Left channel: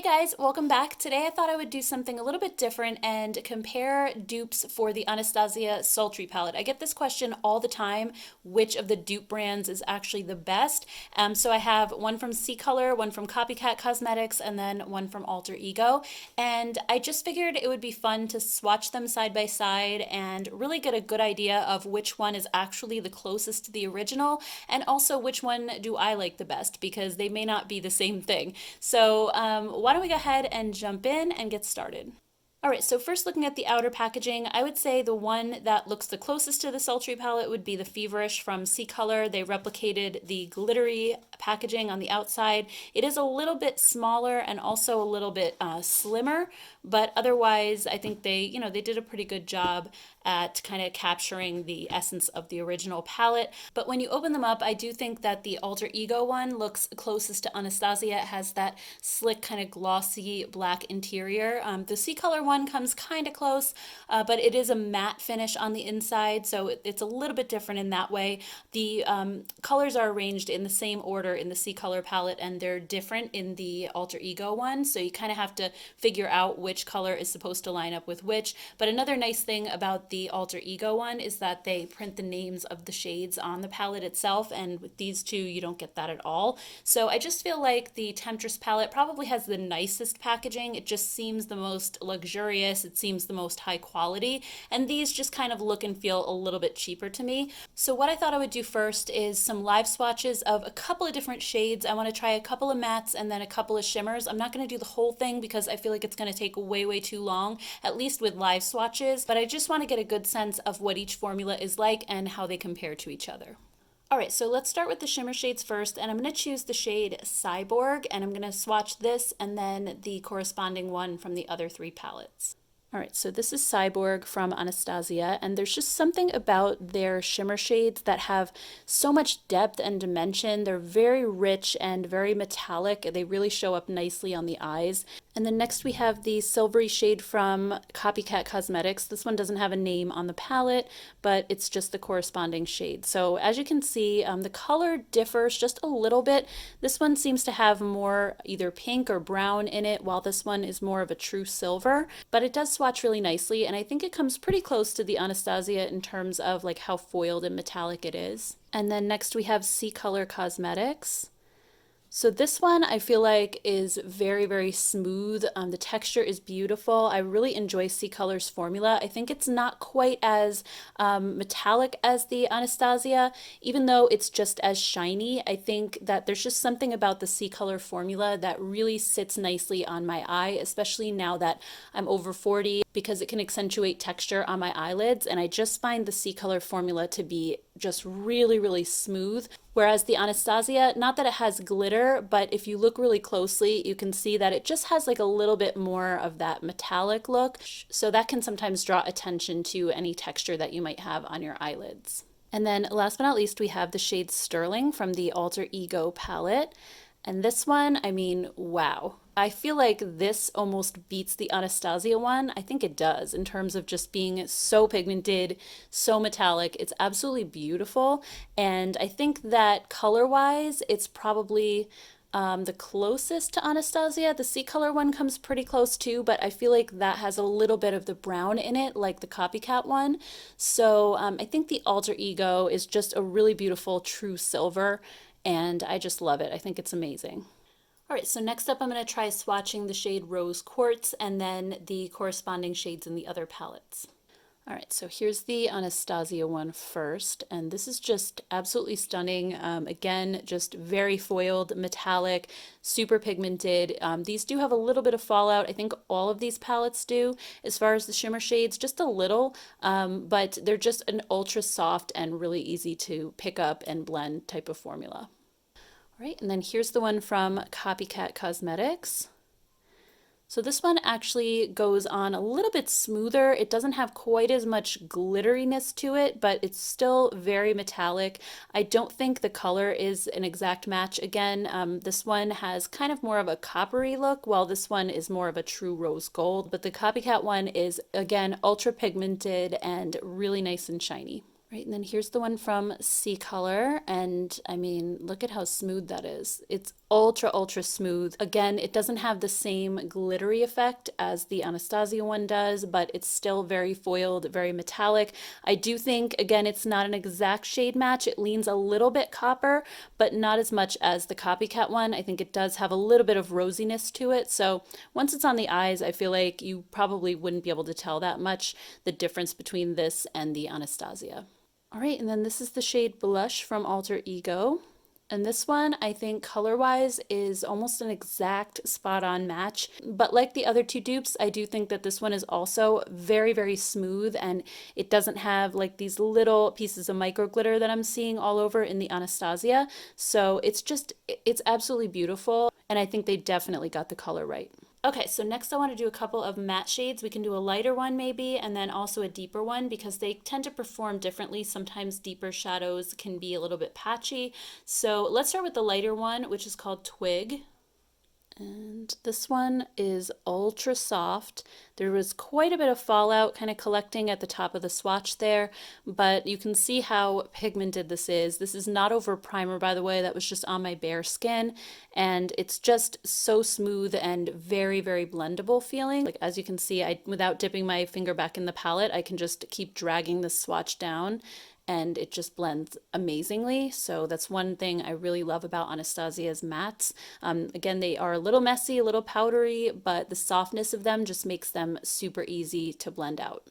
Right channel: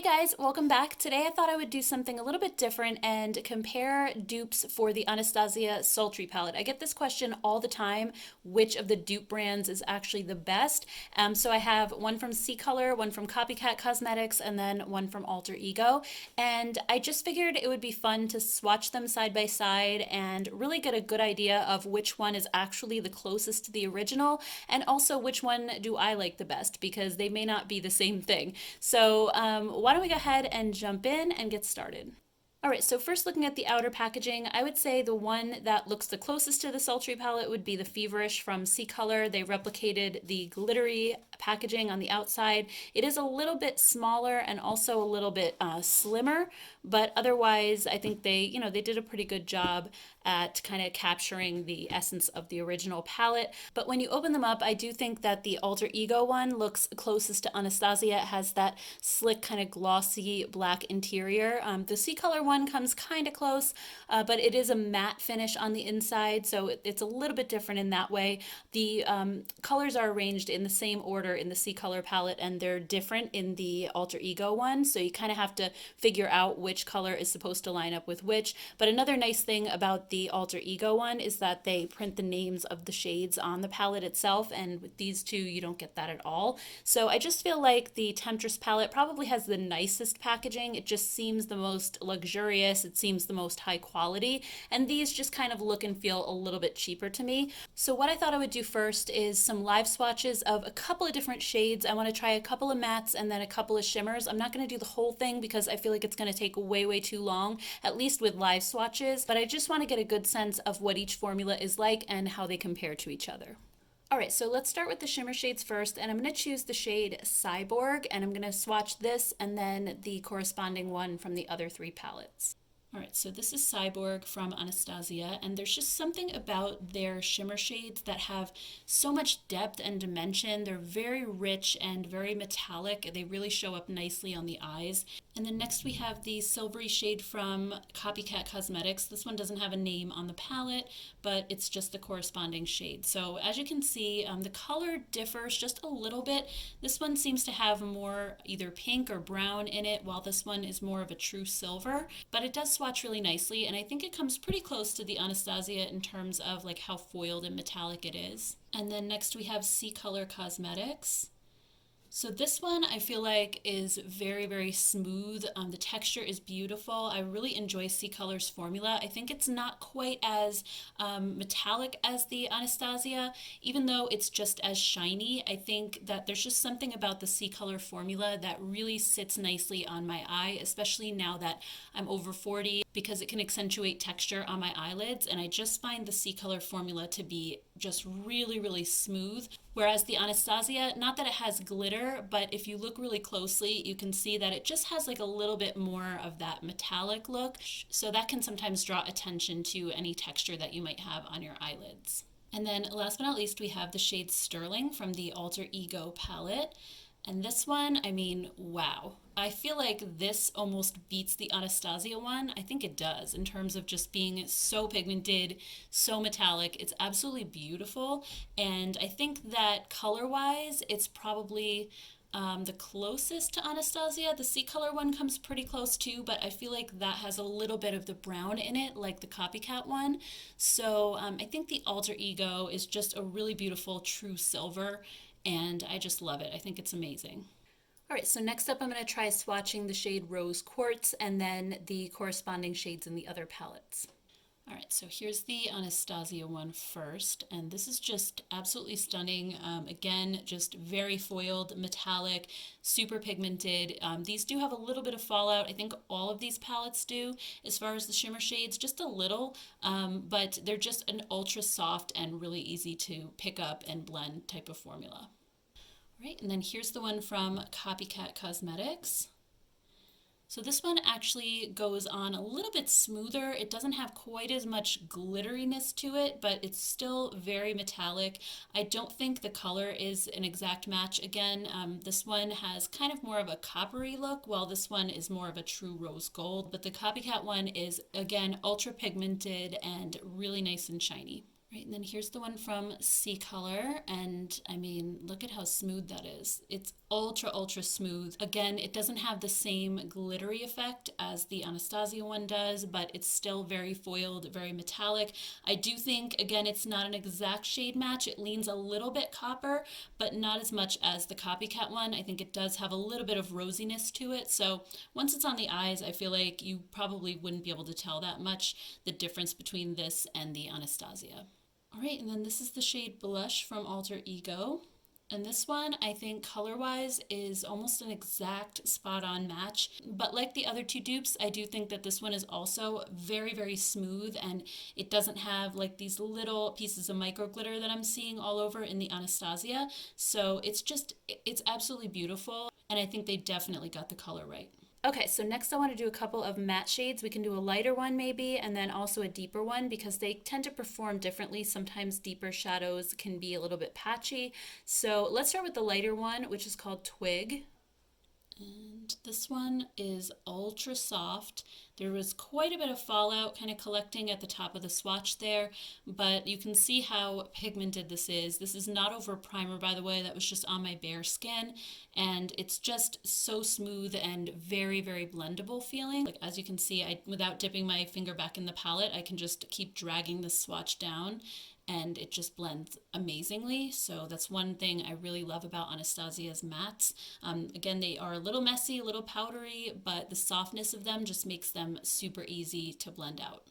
Hey guys, welcome back. Today I thought I would do something a little bit different and compare dupes for the Anastasia Sultry palette. I get this question all the time, which of the dupe brands is actually the best? So I have one from CColor, one from Copycat Cosmetics, and then one from Alter Ego. And I just figured it would be fun to swatch them side by side and really get a good idea of which one is actually the closest to the original, and also which one do I like the best, because they may not be the same thing. So why don't we go ahead and jump in and get started? All right, so first looking at the outer packaging, I would say the one that looks the closest to the Sultry palette would be the Feverish from CColor. They replicated the glittery packaging on the outside. It is a little bit smaller and also a little bit slimmer, but otherwise I think they did a pretty good job at kind of capturing the essence of the original palette. But when you open them up, I do think that the Alter Ego one looks closest to Anastasia. It has that slick kind of glossy black interior. The CColor one comes kind of close, but it is a matte finish on the inside, so it's a little bit different in that way. The colors are arranged in the same order in the CColor palette, and they're different in the Alter Ego one, so you kind of have to figure out which color is supposed to line up with which. But another nice thing about the Alter Ego one is that they print the names of the shades on the palette itself, and with these two you don't get that at all. So I just feel like the Temptress palette probably has the nicest packaging. It just seems the most luxurious, it seems the most high quality, and these just kind of look and feel a little bit cheaper to me. So what I thought I would do first is some live swatches of a couple of different shades. I want to try a couple of mattes and then a couple of shimmers. I'm not going to do the whole thing because I feel like it's going to take way too long, at least with live swatches, but I just want to get a good sense of what each formula is like and how they compare to each other. All right, so let's start with the shimmer shades first, and I'm going to choose the shade Cyborg, and I'm going to swatch this and then the corresponding one from the other three palettes. All right, so this is Cyborg from Anastasia, and there's just something about their shimmer shades that have so much depth and dimension. They're very rich and very metallic. They really show up nicely on the eyes. And then next we have the silvery shade from Copycat Cosmetics. This one doesn't have a name on the palette, but it's just the corresponding shade. So as you can see, the color differs just a little bit. This one seems to have more either pink or brown in it, while this one is more of a true silver, but it does swatch really nicely, and I think it comes pretty close to the Anastasia in terms of like how foiled and metallic it is. And then next we have CColor Cosmetics. So this one I feel like is very smooth. The texture is beautiful. I really enjoy CColor's formula. I think it's not quite as metallic as the Anastasia, even though it's just as shiny. I think that there's just something about the CColor formula that really sits nicely on my eye, especially now that I'm over 40, because it can accentuate texture on my eyelids, and I just find the CColor formula to be just really smooth. Whereas the Anastasia, not that it has glitter, but if you look really closely, you can see that it just has like a little bit more of that metallic look. So that can sometimes draw attention to any texture that you might have on your eyelids. And then last but not least, we have the shade Sterling from the Alter Ego palette. And this one, I mean, wow. I feel like this almost beats the Anastasia one. I think it does in terms of just being so pigmented, so metallic. It's absolutely beautiful. And I think that color-wise, it's probably the closest to Anastasia. The CColor one comes pretty close too, but I feel like that has a little bit of the brown in it, like the Copycat one. So I think the Alter Ego is just a really beautiful true silver, and I just love it. I think it's amazing. All right, so next up I'm going to try swatching the shade Rose Quartz and then the corresponding shades in the other palettes. All right, so here's the Anastasia one first, and this is just absolutely stunning. Again, just very foiled, metallic, super pigmented. These do have a little bit of fallout. I think all of these palettes do, as far as the shimmer shades, just a little, but they're just an ultra soft and really easy to pick up and blend type of formula. All right, and then here's the one from Copycat Cosmetics. So this one actually goes on a little bit smoother. It doesn't have quite as much glitteriness to it, but it's still very metallic. I don't think the color is an exact match. Again, this one has kind of more of a coppery look, while this one is more of a true rose gold. But the Copycat one is, again, ultra pigmented and really nice and shiny. Right, and then here's the one from CColor, and I mean, look at how smooth that is. It's ultra smooth. Again, it doesn't have the same glittery effect as the Anastasia one does, but it's still very foiled, very metallic. I do think, again, it's not an exact shade match. It leans a little bit copper, but not as much as the Copycat one. I think it does have a little bit of rosiness to it. So once it's on the eyes, I feel like you probably wouldn't be able to tell that much the difference between this and the Anastasia. All right, and then this is the shade Blush from Alter Ego. And this one, I think color-wise is almost an exact spot-on match. But like the other two dupes, I do think that this one is also very smooth, and it doesn't have like these little pieces of micro glitter that I'm seeing all over in the Anastasia. So it's absolutely beautiful, and I think they definitely got the color right. Okay, so next I want to do a couple of matte shades. We can do a lighter one maybe, and then also a deeper one because they tend to perform differently. Sometimes deeper shadows can be a little bit patchy. So let's start with the lighter one, which is called Twig. And this one is ultra soft. There was quite a bit of fallout kind of collecting at the top of the swatch there, but you can see how pigmented this is. This is not over primer, by the way. That was just on my bare skin, and it's just so smooth and very blendable feeling. Like, as you can see, without dipping my finger back in the palette, I can just keep dragging the swatch down and it just blends amazingly. So that's one thing I really love about Anastasia's mattes. Again, they are a little messy, a little powdery, but the softness of them just makes them super easy to blend out.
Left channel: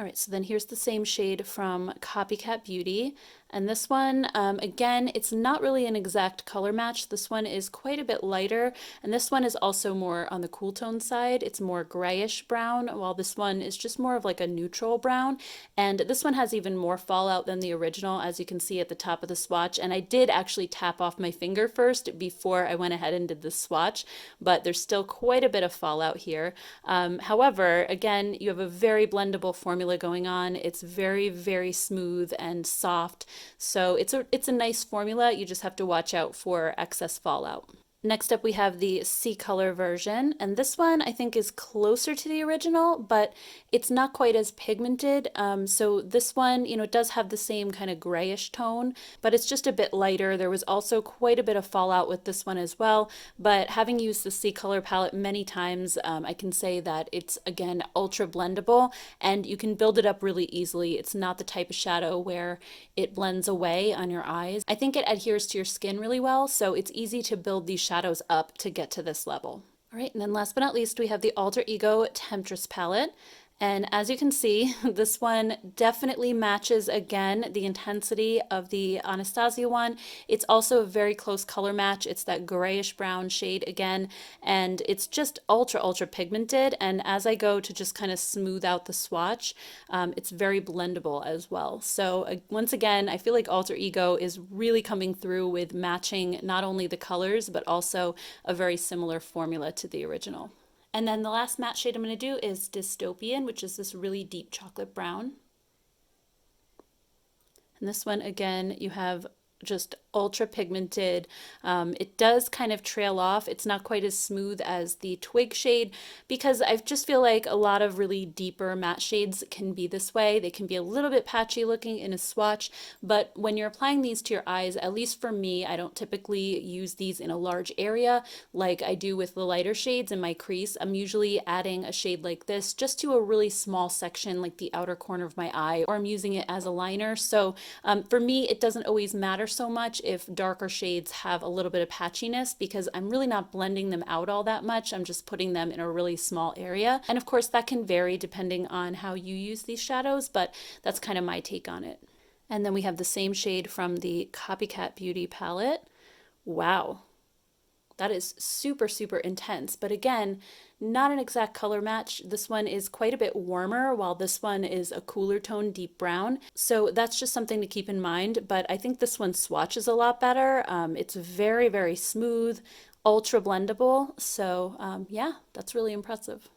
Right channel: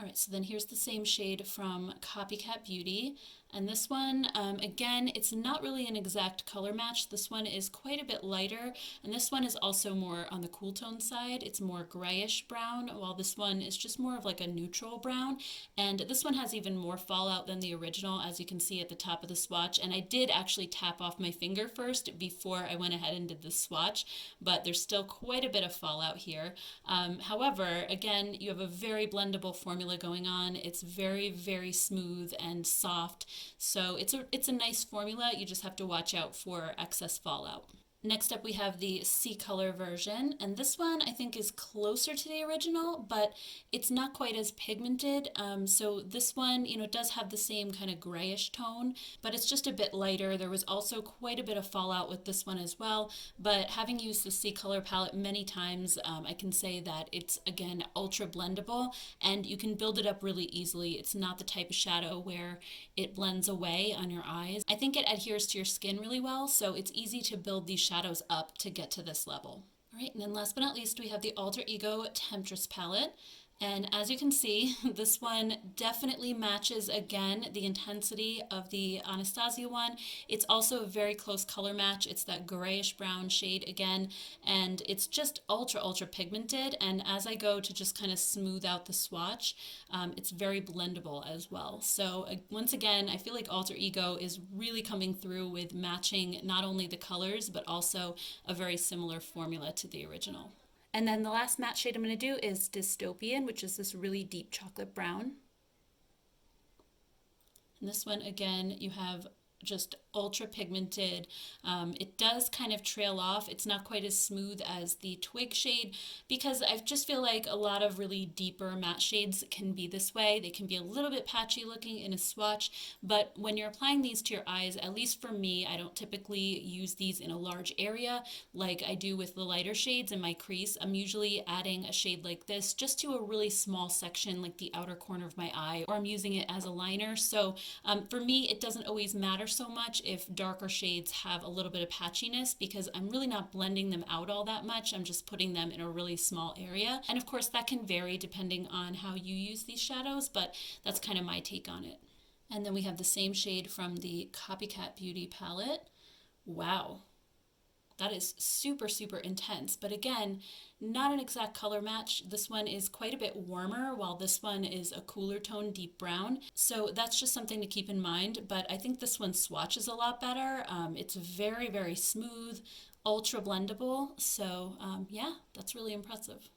All right, so then here's the same shade from Copycat Beauty. And this one, again, it's not really an exact color match. This one is quite a bit lighter, and this one is also more on the cool tone side. It's more grayish brown, while this one is just more of like a neutral brown. And this one has even more fallout than the original, as you can see at the top of the swatch. And I did actually tap off my finger first before I went ahead and did the swatch, but there's still quite a bit of fallout here. However, again, you have a very blendable formula going on. It's very smooth and soft. So it's a nice formula. You just have to watch out for excess fallout. Next up we have the CColor version, and this one I think is closer to the original, but it's not quite as pigmented. So this one, it does have the same kind of grayish tone, but it's just a bit lighter. There was also quite a bit of fallout with this one as well, but having used the CColor palette many times, I can say that it's, again, ultra blendable, and you can build it up really easily. It's not the type of shadow where it blends away on your eyes. I think it adheres to your skin really well, so it's easy to build these shadows up to get to this level. All right, and then last but not least, we have the Alter Ego Temptress palette. And as you can see, this one definitely matches, again, the intensity of the Anastasia one. It's also a very close color match. It's that grayish brown shade again, and it's just ultra pigmented. And as I go to just kind of smooth out the swatch, it's very blendable as well. So once again, I feel like Alter Ego is really coming through with matching not only the colors, but also a very similar formula to the original. And then the last matte shade I'm going to do is Dystopian, which is this really deep chocolate brown. And this one, again, you have just ultra pigmented. It does kind of trail off. It's not quite as smooth as the Twig shade because I just feel like a lot of really deeper matte shades can be this way. They can be a little bit patchy looking in a swatch, but when you're applying these to your eyes, at least for me, I don't typically use these in a large area like I do with the lighter shades in my crease. I'm usually adding a shade like this just to a really small section like the outer corner of my eye, or I'm using it as a liner. So for me, it doesn't always matter so much if darker shades have a little bit of patchiness because I'm really not blending them out all that much. I'm just putting them in a really small area. And of course that can vary depending on how you use these shadows, but that's kind of my take on it. And then we have the same shade from the Copycat Beauty palette. Wow, that is super intense, but again, not an exact color match. This one is quite a bit warmer, while this one is a cooler tone, deep brown. So that's just something to keep in mind, but I think this one swatches a lot better. It's very smooth, ultra blendable. So yeah, that's really impressive.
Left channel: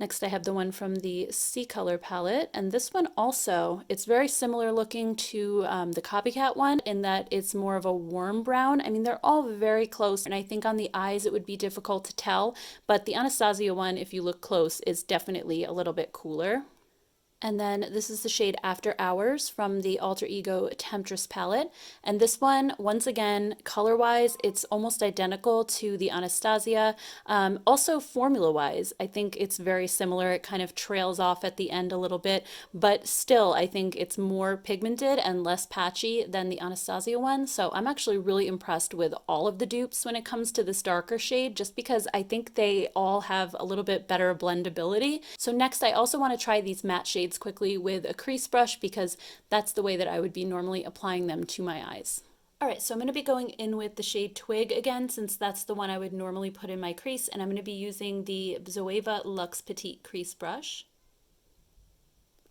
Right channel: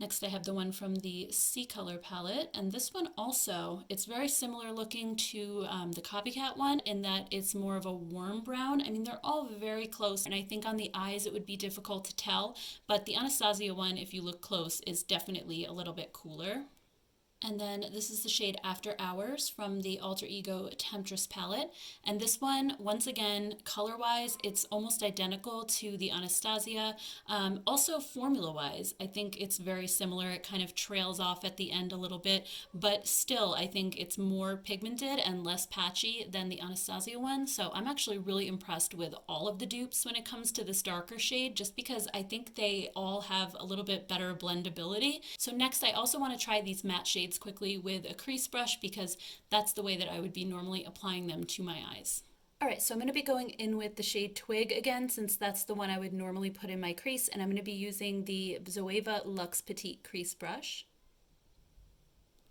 Next, I have the one from the CColor palette, and this one also, it's very similar looking to the Copycat one in that it's more of a warm brown. I mean, they're all very close, and I think on the eyes it would be difficult to tell, but the Anastasia one, if you look close, is definitely a little bit cooler. And then this is the shade After Hours from the Alter Ego Temptress palette. And this one, once again, color-wise, it's almost identical to the Anastasia. Also formula-wise, I think it's very similar. It kind of trails off at the end a little bit, but still, I think it's more pigmented and less patchy than the Anastasia one. So I'm actually really impressed with all of the dupes when it comes to this darker shade, just because I think they all have a little bit better blendability. So next, I also want to try these matte shades quickly with a crease brush because that's the way that I would be normally applying them to my eyes. All right, so I'm going to be going in with the shade Twig again, since that's the one I would normally put in my crease, and I'm going to be using the Zoeva Luxe Petite Crease Brush.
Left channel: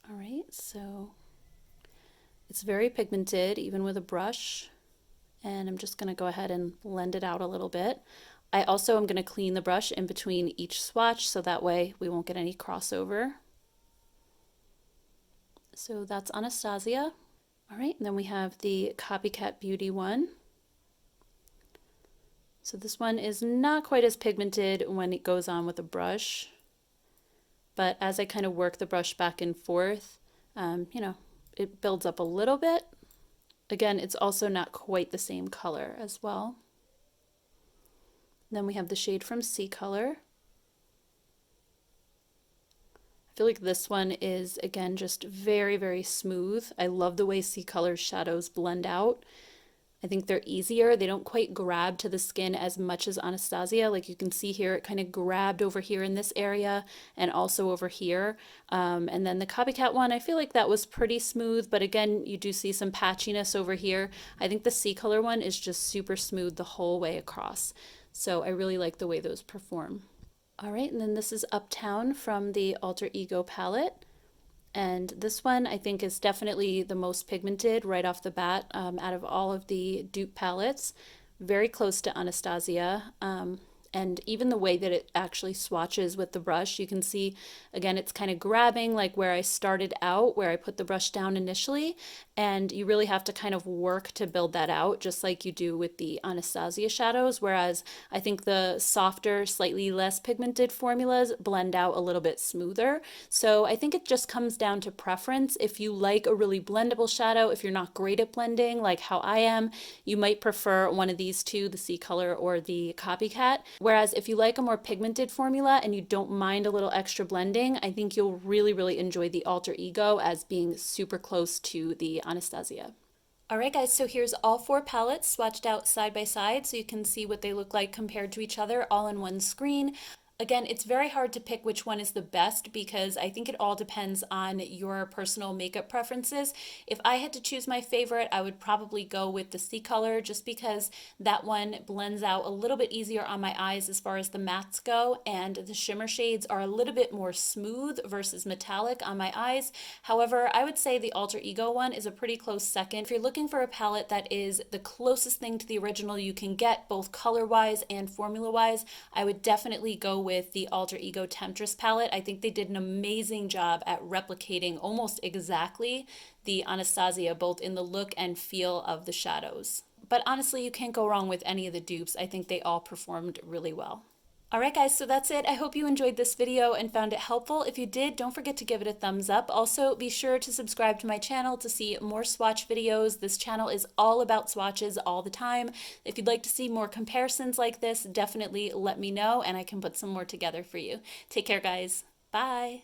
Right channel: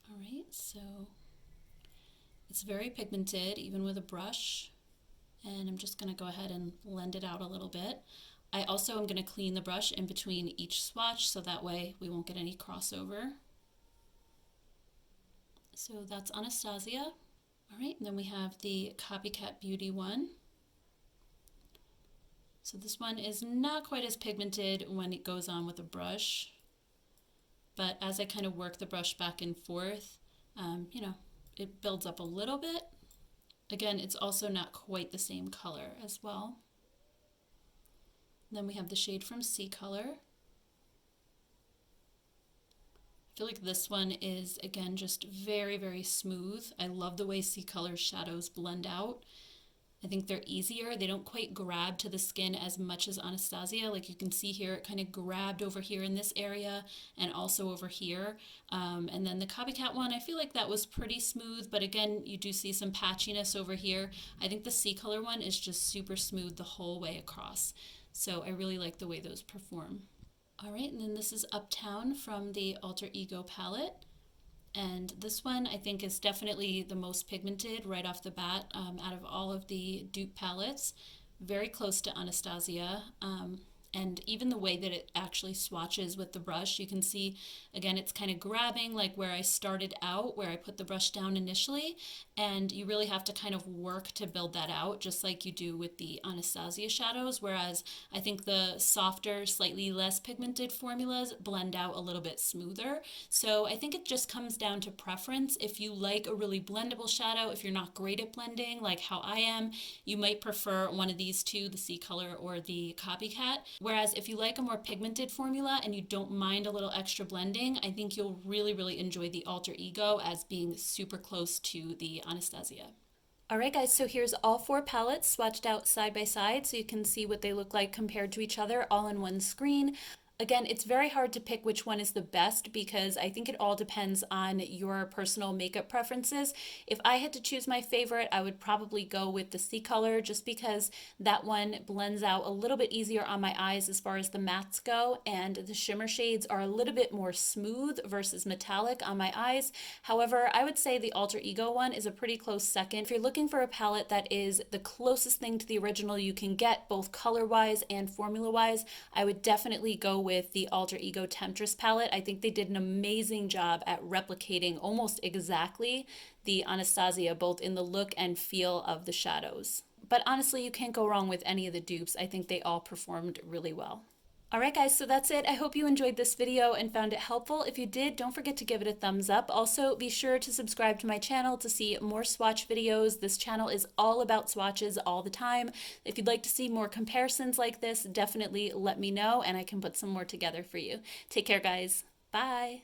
All right, so it's very pigmented, even with a brush, and I'm just going to go ahead and blend it out a little bit. I also am going to clean the brush in between each swatch, so that way we won't get any crossover. So that's Anastasia. All right, and then we have the Copycat Beauty one. So this one is not quite as pigmented when it goes on with a brush, but as I kind of work the brush back and forth, you know, it builds up a little bit. Again, it's also not quite the same color as well. Then we have the shade from CColor. I feel like this one is, again, just very, very smooth. I love the way CColor's shadows blend out. I think they're easier. They don't quite grab to the skin as much as Anastasia. Like you can see here, it kind of grabbed over here in this area and also over here. And then the Copycat one, I feel like that was pretty smooth, but again, you do see some patchiness over here. I think the CColor one is just super smooth the whole way across. So I really like the way those perform. All right, and then this is Uptown from the Alter Ego palette. And this one I think is definitely the most pigmented right off the bat out of all of the dupe palettes. Very close to Anastasia. And even the way that it actually swatches with the brush, you can see, again, it's kind of grabbing like where I started out, where I put the brush down initially, and you really have to kind of work to build that out, just like you do with the Anastasia shadows, whereas I think the softer, slightly less pigmented formulas blend out a little bit smoother. So I think it just comes down to preference. If you like a really blendable shadow, if you're not great at blending, like how I am, you might prefer one of these two, the CColor or the Copycat. Whereas if you like a more pigmented formula and you don't mind a little extra blending, I think you'll really, really enjoy the Alter Ego as being super close to the Anastasia. All right, guys, so here's all four palettes swatched out side by side so you can see what they look like compared to each other all in one screen. Again, it's very hard to pick which one is the best because I think it all depends on your personal makeup preferences. If I had to choose my favorite, I would probably go with the CColor just because that one blends out a little bit easier on my eyes as far as the mattes go, and the shimmer shades are a little bit more smooth versus metallic on my eyes. However, I would say the Alter Ego one is a pretty close second. If you're looking for a palette that is the closest thing to the original you can get, both color-wise and formula-wise, I would definitely go with the Alter Ego Temptress palette. I think they did an amazing job at replicating almost exactly the Anastasia, both in the look and feel of the shadows. But honestly, you can't go wrong with any of the dupes. I think they all performed really well. All right, guys, so that's it. I hope you enjoyed this video and found it helpful. If you did, don't forget to give it a thumbs up. Also, be sure to subscribe to my channel to see more swatch videos. This channel is all about swatches all the time. If you'd like to see more comparisons like this, definitely let me know and I can put some more together for you. Take care, guys. Bye.